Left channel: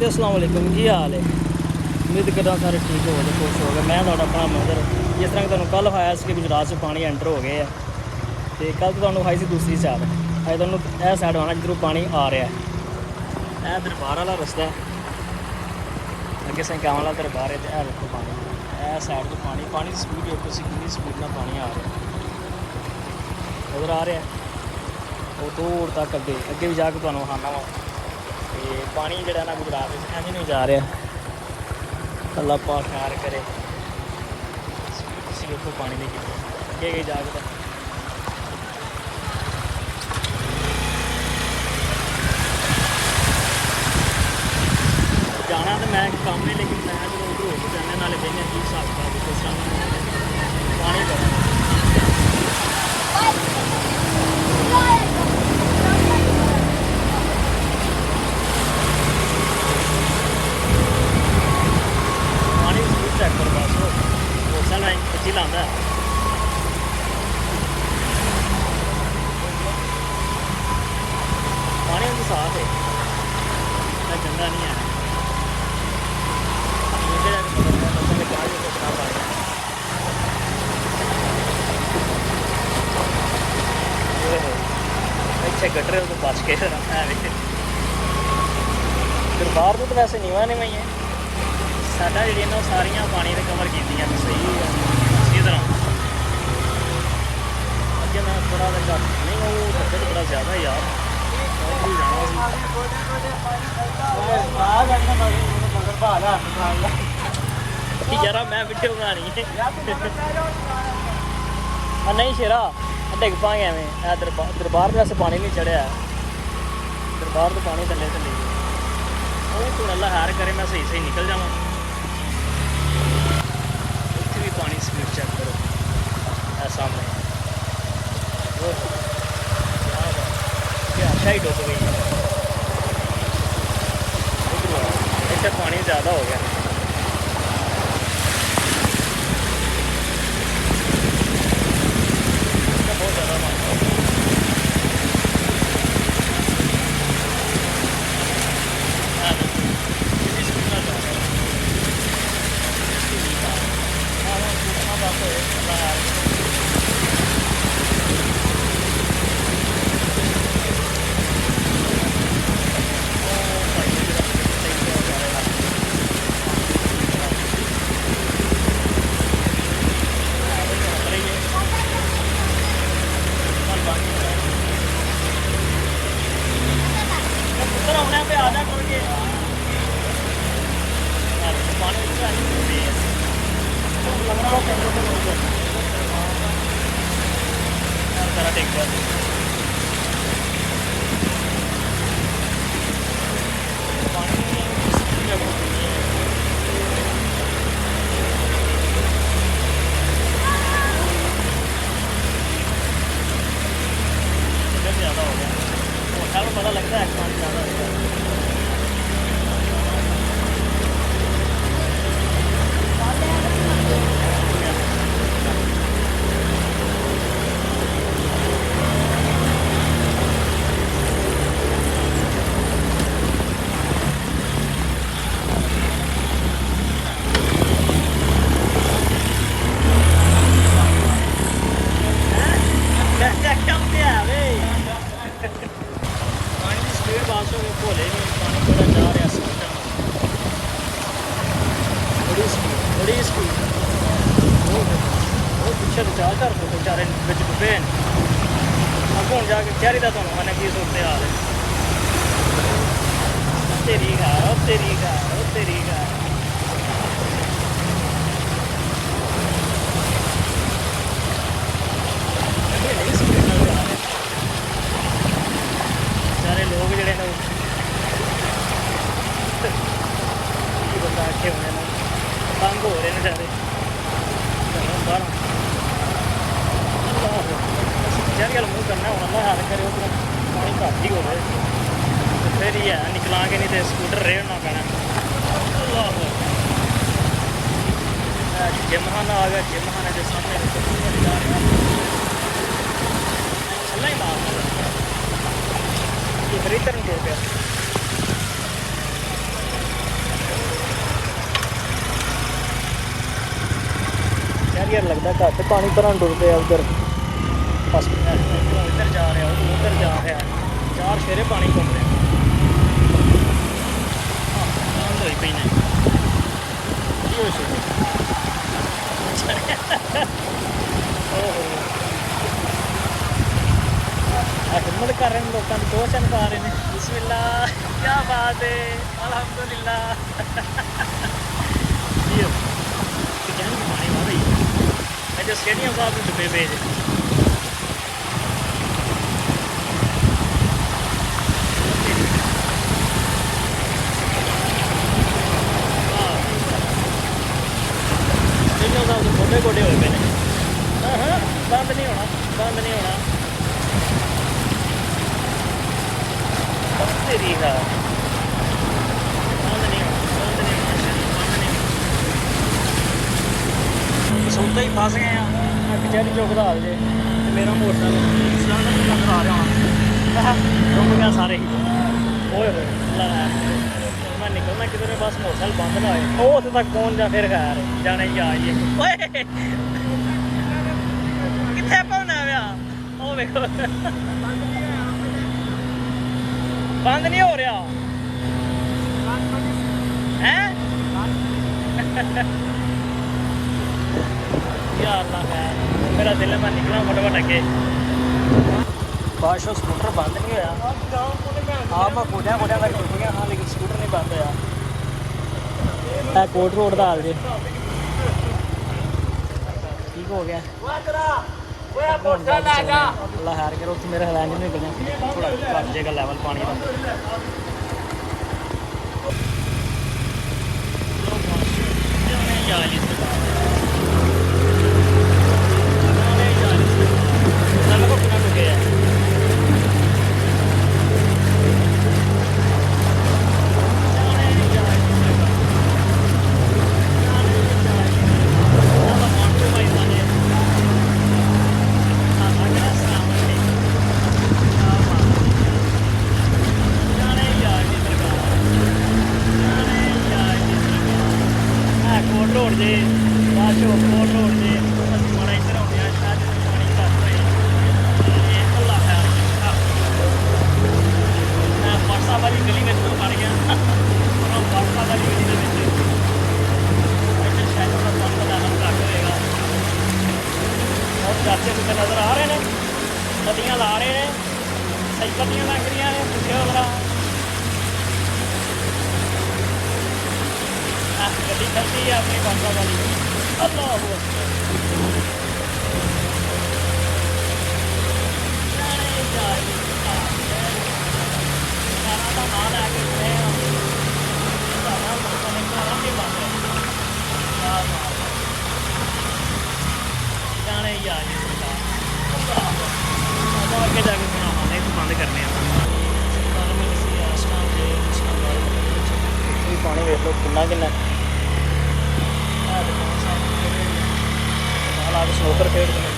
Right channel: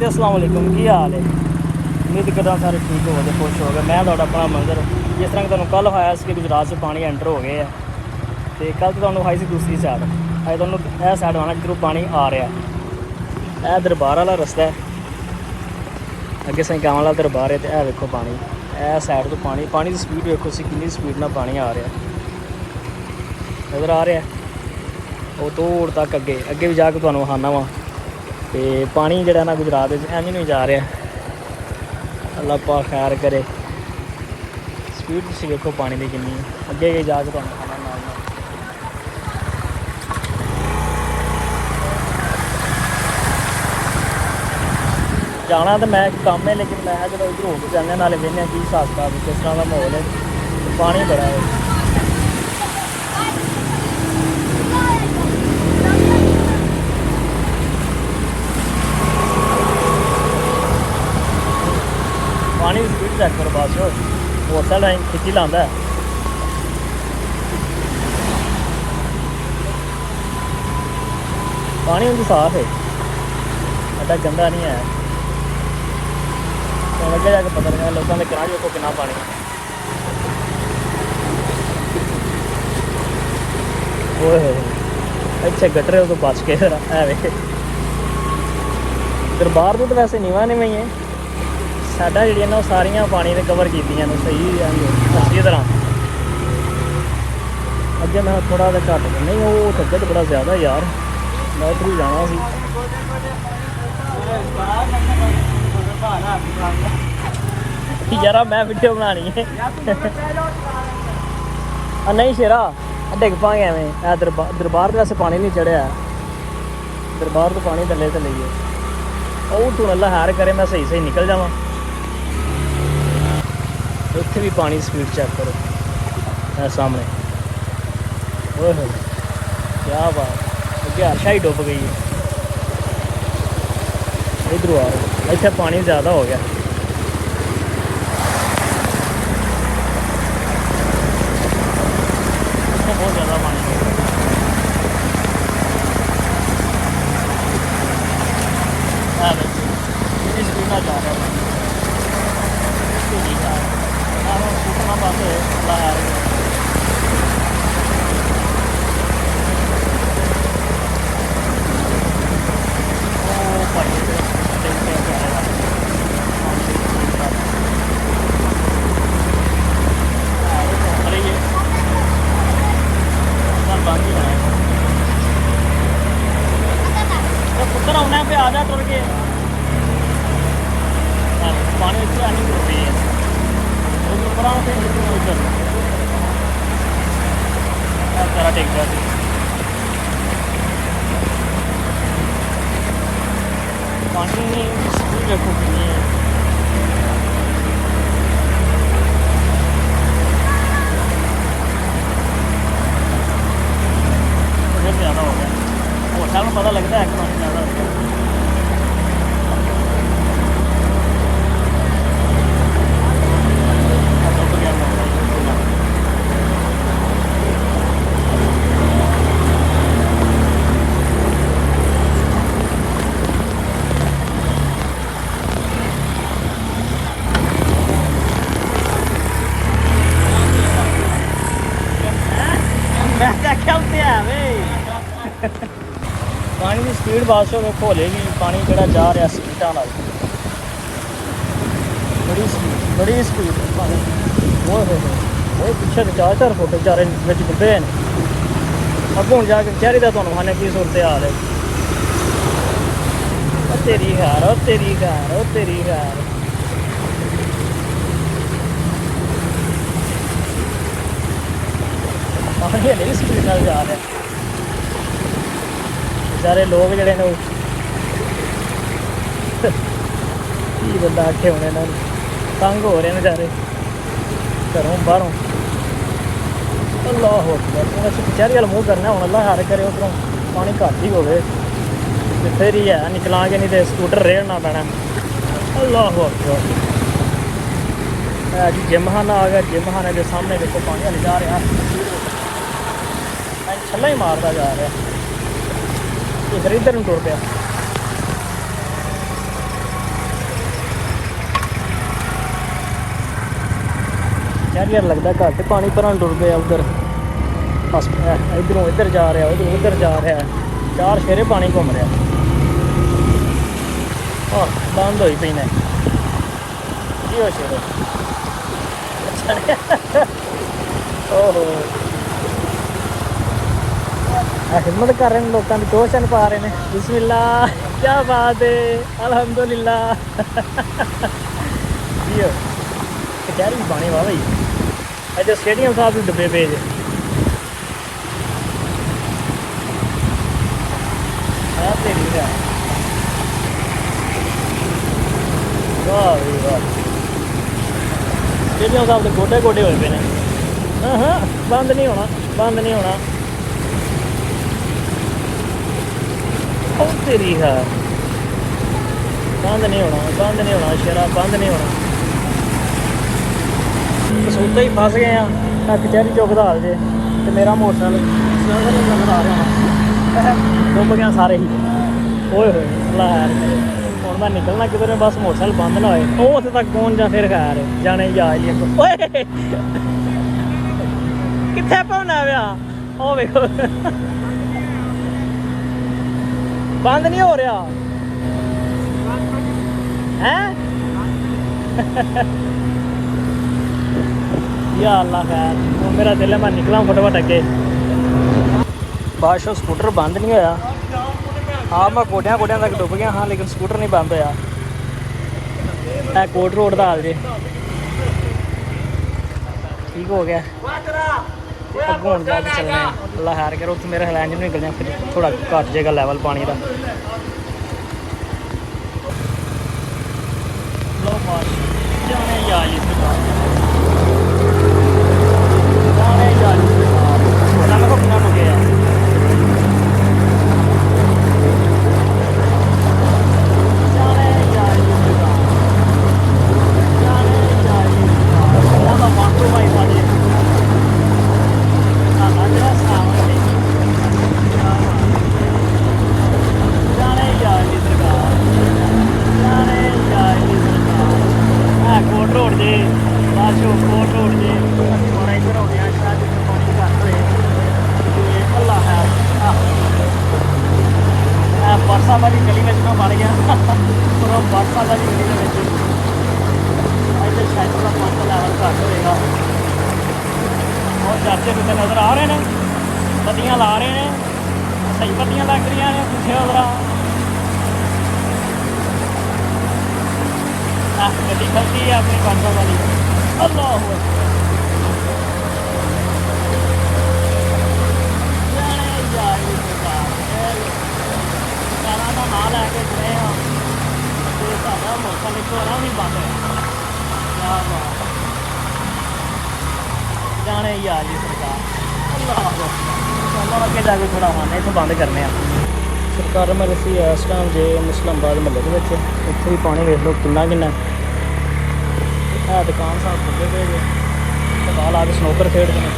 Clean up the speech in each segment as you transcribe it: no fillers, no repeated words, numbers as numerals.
ਤੇ अस्सलाम वालेकुम ਕੀ ਹਾਲ ਹੈ। ਉਮੀਦ ਕਰਦਾ ਸਾਰੇ ਠੀਕ ਹੋਵੋਗੇ, ਖੁਸ਼ ਹੋਗੇ। ਮੈਂ ਤੁਹਾਡਾ ਆਪਣਾ ਮੰਦਰ, ਜਿਸ ਤਰ੍ਹਾਂ ਕਿ ਤੁਹਾਨੂੰ ਕੱਲ੍ਹ ਹੋਇਆ ਸੀ ਕਿ ਗੁਜਰਾਤ 'ਚ ਪਾਣੀ ਐਂਟਰ ਹੋ ਗਏ ਆ, ਅਤੇ ਕੱਲ੍ਹ ਤਾਂ ਤੁਹਾਨੂੰ ਆਈ ਸੀ ਦੂਸਰੀ ਸਾਈਡ। ਅੱਜ ਤੁਹਾਨੂੰ ਇਹ ਸਾਈਡ ਆਉਣਾ ਜਿੱਧਰੋਂ ਪਾਣੀ ਆ ਰਿਹਾ। ਇਹ ਦਰਬਾਰ ਵਾਲਾ ਰਸਤਾ, ਅੱਗੇ ਸੰਗਾਵਾਂ ਵਾਲਾ ਦਰਬਾਰ ਹੈ, ਅਤੇ ਇਹ ਵੇਖੋ ਪਾਣੀ, ਇਹ ਸਾਈਡ ਤੋਂ ਪਾਣੀ ਦੀ ਸਪੀਡ ਵੇਖੋ ਤੁਸੀਂ ਕਿੰਨੀ ਸਪੀਡ ਨਾਲ ਪਾਣੀ ਆ ਰਿਹਾ। ਉਧਰ ਆ ਰਿਹਾ ਉਹ ਦੂਰ ਤੱਕ, ਅੱਗੇ ਵੀ ਜਾ ਕੇ ਤੁਹਾਨੂੰ ਵਿਖਾਉਣਾ ਵਾ। ਅਤੇ ਪਾਣੀ ਜਿਹੜਾ ਨਾ ਗੁਜਰਾਤ ਵਿੱਚ ਐਵੇਂ ਨਹੀਂ ਜਾ ਰਿਹਾ। ਅੱਲਾ ਪਾਕ ਖੈਰ ਕਰੇ। ਸਪੀਡ ਤੁਸੀਂ ਵੇਖੋ ਪਾਣੀ ਦੀ ਕਿੰਨੀ ਹੈ। ਅੱਗੇ ਜਾ ਕੇ ਤੁਹਾਨੂੰ ਜਾਣਾ ਤਾਂ ਮੈਂ ਕੰਮ ਹੈ, ਲੇਕਿਨ ਮੈਂ ਜਦੋਂ ਘੁੰਮ ਕੇ ਜਾਂਦੇ ਨਾਲੇ ਵੇਖਦੇ ਕੀ ਹਿਸਾਬ ਕਿਤਾਬ ਕਿਸ ਤਰ੍ਹਾਂ ਦਾ ਮਾਹੌਲ ਹੈ। ਪਾਣੀ ਬੜਾ ਹੈ। ਮੋਟਰਸਾਈਕਲ ਰਾਹੀਂ ਖਿੱਚੀ ਲਾਉਂਦਾ। ਪਾਣੀ ਵੀ ਸਾਫ਼ ਹੈ, ਐਡਾ ਗੰਦਾ ਨਹੀਂ ਹੈ। ਅੱਗੇ ਜਾ ਕੇ ਪਤਾ ਲੱਗਣਾ ਲੋਕਾਂ ਨੇ ਕਿਹਾ ਕਿ ਕਿੰਨਾ ਪਾਣੀ। ਹੋਏ ਹੋਏ ਇੱਥੇ ਗਟਰੇ ਤੋਂ ਬਚ ਕੇ ਦਰਬਾਰ ਤੋਂ ਤਾਂ ਵੈਸੇ ਨੀਵਾਂ ਨਹੀਂ ਹੈ। ਸਾਡਾ ਜਿਹੜੀਆਂ ਨਾ ਸਾਰੀਆਂ ਪਾਣੀ ਨੇ ਕਵਰ ਕੀਤੀਆਂ ਨੇ ਸਹੀ ਅੱਛੀ ਤਰ੍ਹਾਂ। ਅੱਗੇ ਮੈਂ ਥੋੜ੍ਹਾ ਜਿਹਾ ਘੱਟ ਨਹੀਂ, ਉਹ ਅੱਗੇ ਤਾਂ ਬੜਾ ਜ਼ਿਆਦਾ ਯਾਰ। ਮੈਂ ਉੱਧਰ ਹੀ ਜਾਣਾ ਸੀ। ਯਾਰਾ ਮੈਂ ਵੀਡੀਓ ਬਣਾਉਣੀ ਹੈ। ਨਹੀਂ ਸ਼ੇਰਾ ਡਿੱਗ ਪਾਂਗੇ ਐਵੇਂ। ਇਹ ਦਰਬਾਰ ਦੇ ਵੈਸੇ ਪਾਣੀ ਨਹੀਂ ਚੜ੍ਹਿਆ, ਦਰਬਾਰ ਤੋਂ ਪਾਣੀ ਥੱਲੇ ਤੇ ਨਹੀਂ ਹੈ। ਉਹ ਤੂੰ ਅੱਲਾ ਹਾਰ ਕਰੇ ਮੈਂ ਸਹੀ ਨਿਕਲ ਜਾਵਾਂ। ਉੱਥੇ ਵੀ ਪਾਣੀ ਸਪੀਡ ਚੈੱਕ ਕਰੋ ਮੇਰੇ ਸਾਹਮਣੇ। ਓਹੋ ਕਿਆ ਬਾਤ, ਅੱਗੇ ਅੱਛਾ ਹੀ ਡੁੱਬ ਗਈ। ਇੱਧਰੋਂ ਆ ਇੱਥੇ ਪਾਣੀ ਜ਼ਿਆਦਾ ਹੋ ਗਿਆ। ਪਾਣੀ ਦੀ ਸਪੀਡ ਬਸ ਹੋ ਜਾਏਗੀ। ਪਾਣੀ ਬੜਾ ਜਾ ਰਿਹਾ ਸਪੀਡਾਂ ਨਾਲ, ਬੜੀ ਸਪੀਡ। ਉਹ ਪਿੱਛੇ 4-4 ਫੁੱਟ ਵਿਚਾਰੇ ਵਿੱਚ ਡੁੱਬੇ ਨੇ। ਅੱਗੋਂ ਜਾ ਕੇ ਚਿਹਰੇ ਦਾ ਤੁਹਾਨੂੰ ਆਨੇ 30 ਉੱਤੇ ਆ ਰਹੇ। ਤੇਰੀ ਹਾਰ ਤੇਰੀ ਹਾਰ ਤੇਰੀ ਹਾਰ। ਪਾਣੀ ਹਲੇ ਸਪੀਡ ਨਾਲ ਜਾ ਰਿਹਾ। ਸਾਰੇ ਲੋਕ ਜਿਹੜੇ ਨੇ ਕੀ ਬੰਦਾ ਆਖੇ ਹੋਣੇ ਨਾਲ ਤੰਗ ਹੋ ਰਹੇ ਨੇ ਵਿਚਾਰੇ ਘਰੋਂ ਬਾਹਰੋਂ। ਅੱਲਾਹ ਅਸੀਂ ਵਿਚਾਰੀ ਵਾਲ ਮੂੰਹ ਕਰਨਾ ਹੁਣ। ਅੱਲਾ ਹਾਰ ਕਰੇ ਉੱਧਰੋਂ ਪਾਣੀ ਘੱਟ ਹੀ ਹੋਵੇ ਤੇ ਫਿਰ ਹੀ ਹੈ ਨਿਕਲਾਂਗੇ, ਨਹੀਂ ਤੇ ਸਕੂਟਰ ਰੇੜਨਾ ਪੈਣਾ। ਅੱਲਾਹ ਅਕਬਰ। ਅੱਜ ਜਿਮਖਾਨਾ ਆ ਗਿਆ। ਜਿਮਖਾਨੇ ਦੇ ਸਾਹਮਣੇ ਦੇਖੋ ਪਾਣੀ ਜਾ ਰਿਹਾ, ਥੱਲੇ ਹੀ ਮਾਰਦਾ ਜਾ ਰਿਹਾ। ਇੱਧਰ ਨੂੰ ਟੁਰ ਪਿਆ। ਘੇਰ ਲੱਗਦਾ ਘਰ ਇਧਰੋਂ ਇੱਧਰ ਜਾ ਰਿਹਾ ਉਧਰੋਂ ਉੱਧਰ ਜਾ ਰਿਹਾ ਚਾਰ ਸ਼ੇਰੇ ਪਾਣੀ ਘੁੰਮ ਰਿਹਾ ਬੰਦ ਹੋਈ ਪਈ ਨੇ ਕੀ ਹੋ ਸ਼ੇਰੇ ਓਹੋ ਖਿਦਮਤ ਕਰ ਰਹੇ ਨੇ ਲੋਕਾਂ ਦੀ ਟੋਚਨ ਪਾ ਰਹੇ ਨੇ ਬਿਸਮਿਲ੍ਲਾ ਕੀ ਬਾਤ ਹੈ ਅਲਹਮਦੁਲਿਲਾ ਯਾਰ ਪਾਣੀ ਵਾਹ ਬਈ ਅੱਜ ਸਟੇਡੀਅਮ ਸਾਹਿਬ ਦੇ ਡੱਬੇ ਪਏ ਜੇ ਜਿਵੇਂ ਉਹ ਗੋਡੇ ਗੋਡੇ ਹੋਏ ਨੇ ਬੰਦ ਨਹੀਂ ਹੋਣਾ ਬੰਦ ਨਹੀਂ ਹੋਣਾ ਤੇਰੀ ਹੈ ਬੰਦ ਨਹੀਂ ਹੋਣਾ ਸ਼ਰਾਬ ਬੰਦ ਨਹੀਂ ਹੋਣਾ ਸੌਦਾ ਹੀ ਫਸ ਗਏ ਆ ਤਾਂ ਕਚਹਿਰੀ ਚੌਕ ਦਾ ਹਾਲ ਜੇ ਤੇ ਮੇਰਾ ਮੋਟਰਸਾਈਕਲ ਸੜਕ ਨੂੰ ਨਜ਼ਰ ਆ ਰਿਹਾ ਡੁੱਬ ਗਿਆ ਸਾਰੇ ਹੀ ਓਏ ਹੋਏ ਹੁਣ ਮੈਂ ਨਿਕਲਣਾ ਕਿਧਰ ਬਸ ਮੋਟਰਸਾਈਕਲ ਬੰਦ ਨਾ ਹੋਏ ਉਹ ਉੱਥੇ ਤੱਕ ਕੌਣ ਜਾਂਦੇ ਰਖਾਇਆ ਜਾਣੇ ਜਾ ਲਈ ਓਏ ਕਿੱਥੇ ਪਾਉਣਾ ਵਿਆ ਉਹ ਵੇਖੋ ਬੰਦ ਨਹੀਂ ਹੋ ਰਿਹਾ ਹੈ ਯਾ ਅੱਲਾ ਖੈਰ ਮੇਰਾ ਦਿਲ ਹੈ ਮੈਂ ਨਿਕਲਾਂ ਫਟਾਫਟ ਅੱਗੇ ਬਾਸ਼ੋ ਸਕੂਟਰ ਬੰਦ ਨਹੀਂ ਹੋਇਆ ਹਾਂ ਮੈਂ ਗੋਡਿਆਂ ਤੱਕ ਡੁੱਬ ਗਿਆ ਹਾਂ ਲੇਕਿਨ ਸਕੂਟਰ ਨਹੀਂ ਬੰਦ ਹੋਇਆ ਇਹ ਕੋਟ ਰੋਡ ਦਾ ਹਾਲ ਜੇ ਠੀਕ ਹੋ ਗਿਆ ਅੱਗੋਂ ਹੁਣ ਜਾ ਕੇ ਚੱਲਣਾ ਅੱਲਾ ਹਾਰ ਕਰ ਉੱਥੇ ਮੇਰਾ ਹਲੈਂਜ ਨੂੰ ਨਿਕਲ ਜਾ ਥੋੜਾ ਘੱਟ ਜਾਏਗਾ ਲੈਵਲ ਪਾਣੀ ਦਾ नजर आ रहे हैं बत्तियां ला रहे हैं सही बत्तियां लग रही हैं पीछे गड्डी खर्ची है अपनी पंचों वाली जाने यार जी अगे जाके थोड़ा आने इतों बंद करने सरकार मैं दसी इस टाइम जे मुस्लिमाबाद महल इतों भी पानी वेखो कितना किन्ना दुकान साहब खुले हुए बाल आके स्नूकर खेड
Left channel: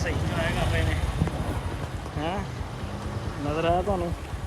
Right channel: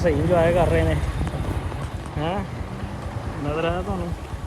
सही इंजॉय कर रहे हैं हैं नजर आया तुहानू